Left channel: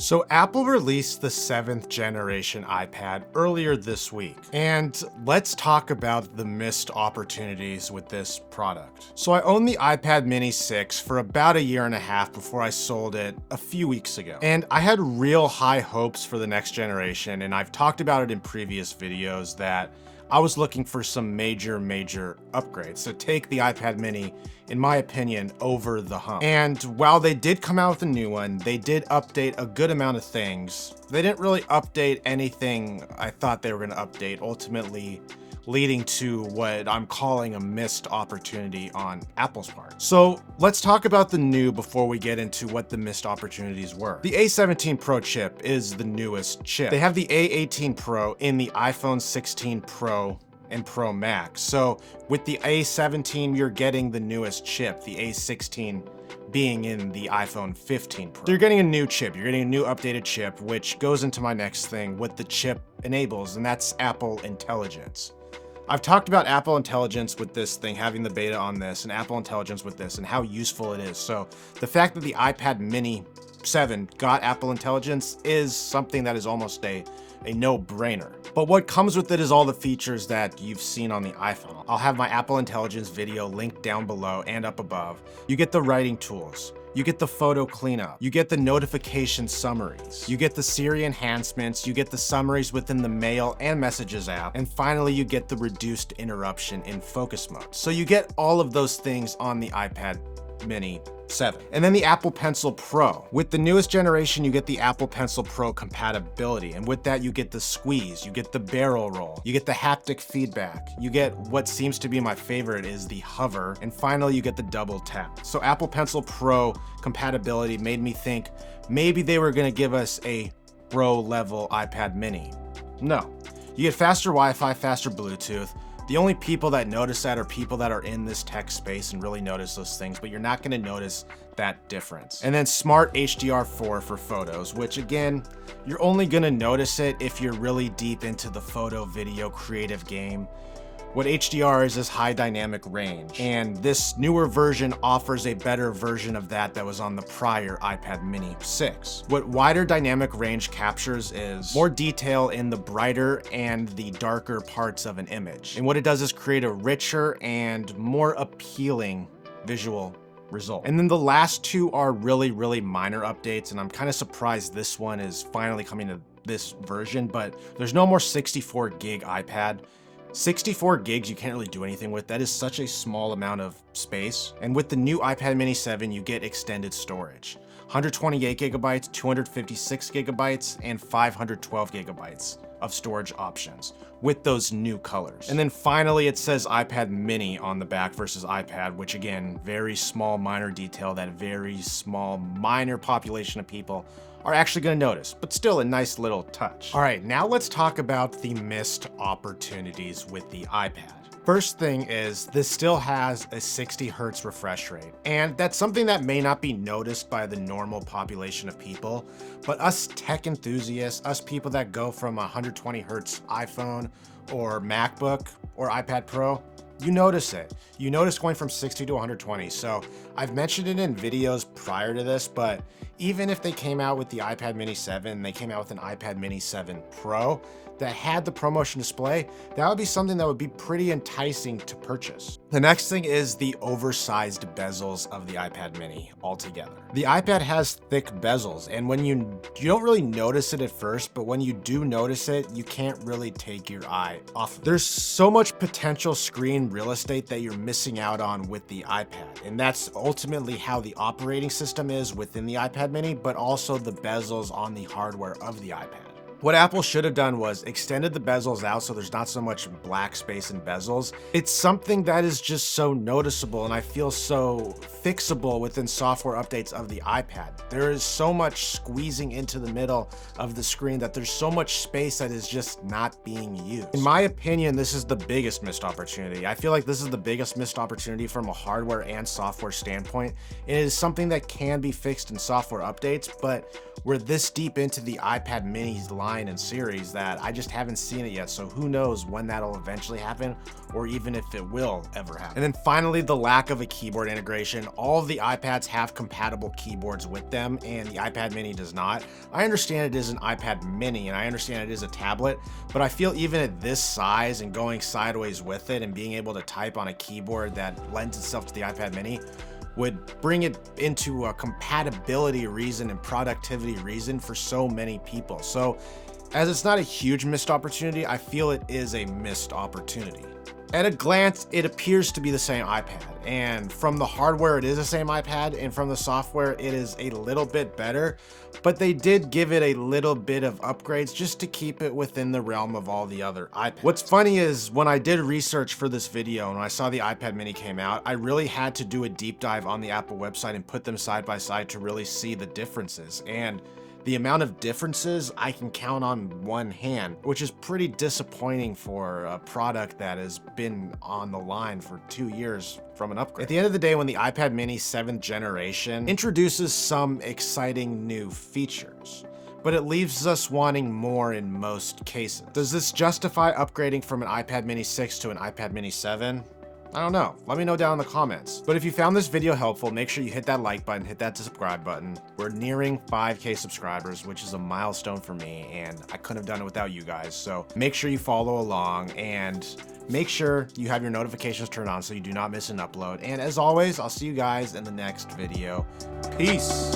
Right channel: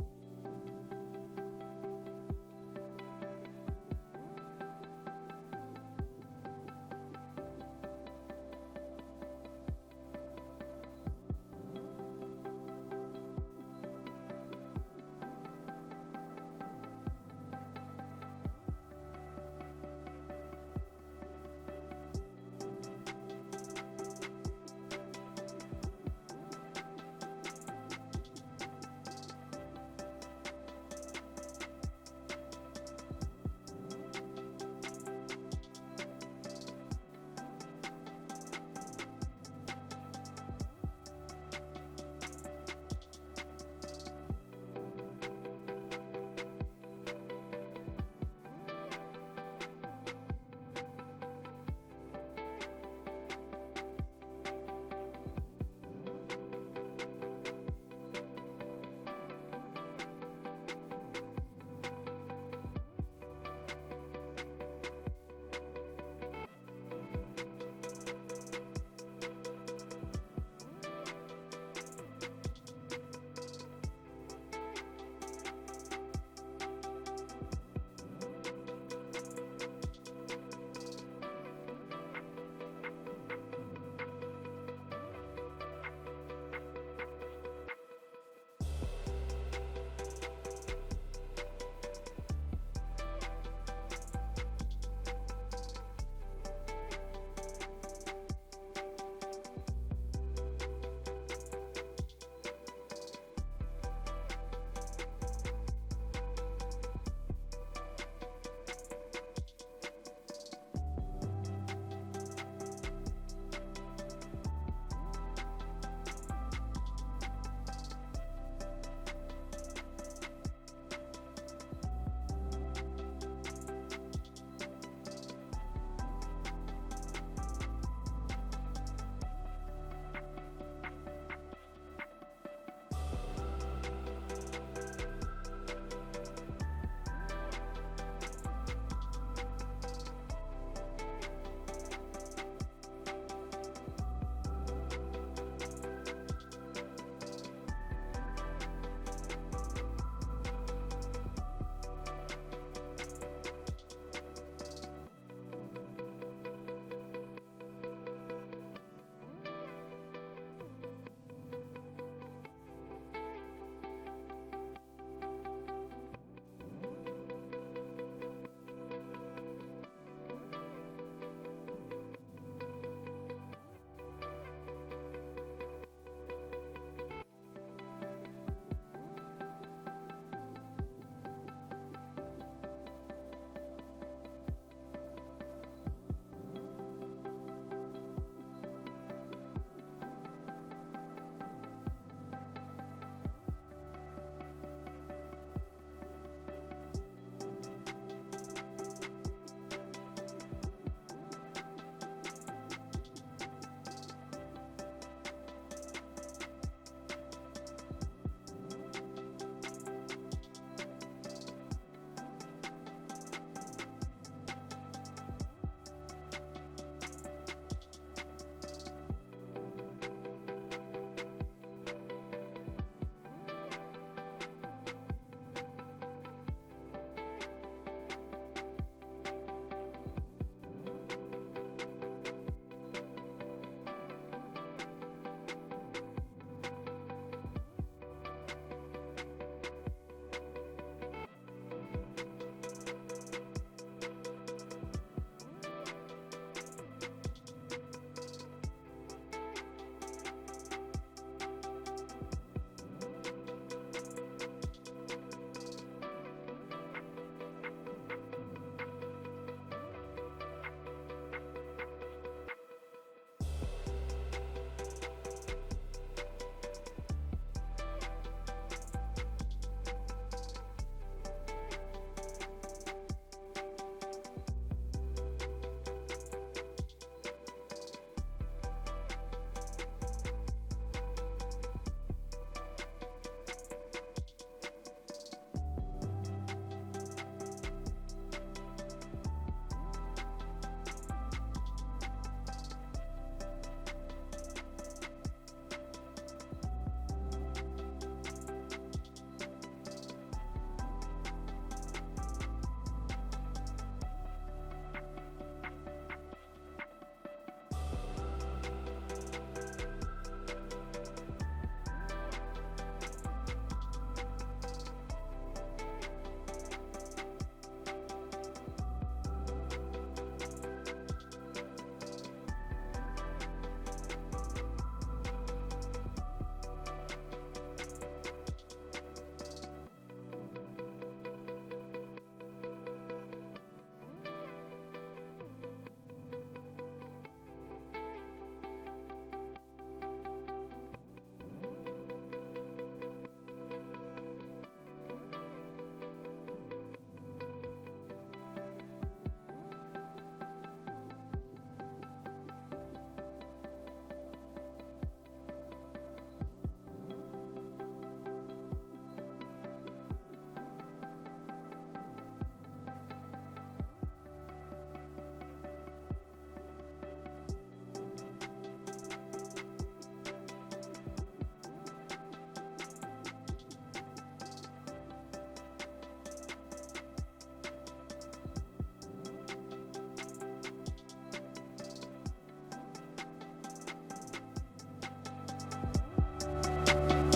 So Apple released the 7th generation iPad earlier this week, and let's talk about the missed opportunities with this product. So I owned the iPad mini 6 for about a year and a half before I sold it a few weeks ago. And I had real high hopes for the next generation, and I've talked about it in previous videos that I was looking for some major upgrades to take the iPad mini, in my opinion, over the hump. And while they did come out with a new one, they did update a good amount of things. They didn't really update anything I thought they were going to update, ultimately leading to what I'm calling a missed opportunity on Apple's part. So let's talk about the new before we get into what the missed opportunities were. The A17 Pro chip is the newest chip. They have the A18 Pro in the iPhone 16 Pro and Pro Max. So with the A17, you're getting the newest chip, the A16 being in the iPhone 15 Pro. So you're getting a new chip, you're getting a new updated chip, which goes into my next thing, what the chip enables, and that's Apple Intelligence. I've talked about Apple Intelligence with this thing, having the beta on this, and Apple Intelligence with this, and how useful it is. So the fact that the iPad mini 7 got Apple Intelligence is something that is almost a no-brainer. But what comes with it is all the features that you've seen on the iPhone. I'll have my Apple Intelligence video linked down below and up above. You get the writing tools. You get the photo cleanup. You get the notification summaries. You get the Siri enhancements. You get the summaries within the Mail and Messages app. And finally, you get the reduced interruption in focus mode. So you get all of those things on the iPad mini 7. And then the Apple Pencil Pro. With the newest generation, you get the Apple Pencil Pro compatibility. And with that, you get the squeeze, you get the barrel roll, you get the haptic feedback, you get what seems to be my favorite is the hover, and finally you get the double tap. So Apple Pencil Pro compatibility made me think maybe they were gonna give us a Pro level iPad mini. No. You get faster Wi-Fi, faster Bluetooth. The only people that notice that are people that are in this tech space and really notice those things, but you're not going to notice that difference. And then smart HDR4 for photos, which again, you're only going to notice it if you're really deep into the photo video creative game. What HDR is high dynamic range, and this newer version offers a better version of that was on the prior iPad mini 6. What wider dynamic range captures is more detail in the brighter and the darker parts of an image. And what it does is create a richer and more appealing visual result. And then the last two are really minor updates, and I'm kind of surprised this one is finally coming to this version, but there's no more 64 gig iPad. 64 gigs you can't really do anything with. That is such a small amount of space. And with the new iPad mini 7, you get extended storage. 128 gigabytes, 256 gigabytes, and 512 gigabytes of storage options with those new colors. And then finally, it says iPad mini on the back versus iPad, which again, very small minor detail that very small minor population of people are actually going to notice, but still a nice little touch. All right, now let's talk about the missed opportunities with the iPad. First thing is, this still has a 60 hertz refresh rate, and that's something that may not be noticed by the normal population of people, but us tech enthusiasts, us people that go from a 120 hertz iPhone or MacBook or iPad Pro, you notice it. You notice going from 60 to 120. So I've mentioned it in videos prior to this, but even if they came out with the iPad mini 7, they came out with an iPad mini 7 Pro that had the ProMotion display, that would be something that would be pretty enticing to purchase. The next thing is the oversized bezels of the iPad mini altogether. The iPad has thick bezels, and when you don't really notice it at first, but when you do notice it, you can't really take your eye off. There's so much potential screen real estate that you're missing out on with the iPad, and that's ultimately how the operating system is within the iPad mini, but also the bezels on the hardware of the iPad. What Apple should have done was extended the bezels out so there's not so much black space in bezels. It's something that is just so noticeable, and I feel so fixable within software updates of the iPad. There is so much squeezing into the middle of the screen that there's so much space that is just not being used. In my opinion, this is the biggest missed opportunity. I feel like this is the biggest missed opportunity from a hardware and software standpoint. It is something that can be fixed in software updates, but we're this deep into the iPad mini's line line and series that I just haven't seen it yet. So who knows when that'll eventually happen, or even if it will ever happen. And then finally, the lack of a keyboard integration. All of the iPads have compatible keyboards with them, and the iPad mini does not. I understand it is an iPad mini, and I understand it is a tablet, but I feel even at this size and going sideways with it and being able to type on a keyboard that lends itself to the iPad mini would bring it into a compatibility reason and productivity reason for so many people. So as it's not a huge missed opportunity, I feel it is a missed opportunity. At a glance, it appears to be the same iPad, and from the hardware, it is the same iPad, and from the software, it is a little bit better, but they did give it a little bit of upgrades just to keep it within the realm of all the other iPads. What's funny is when I did research for this video and I saw the iPad mini came out, I really had to do a deep dive on the Apple website and put them side by side to really see the differences. And the amount of differences I can count on one hand, which is pretty disappointing for a product that has been on the line for 2 years from an upgrade. At the end of the day, when the iPad mini 7th generation introduces some exciting new features, but it leaves us wanting more in most cases. Does this justify upgrading from an iPad mini 6 to an iPad mini 7? I don't know. Let me know down in the comments. But if you found this video helpful, make sure you hit that like button, hit that subscribe button. We're nearing 5K subscribers, which is a milestone for me, and I couldn't have done it without you guys. So make sure you follow along and make sure you have your notifications turned on so you do not miss an upload. And as always, I'll see you guys in the next video. Peace.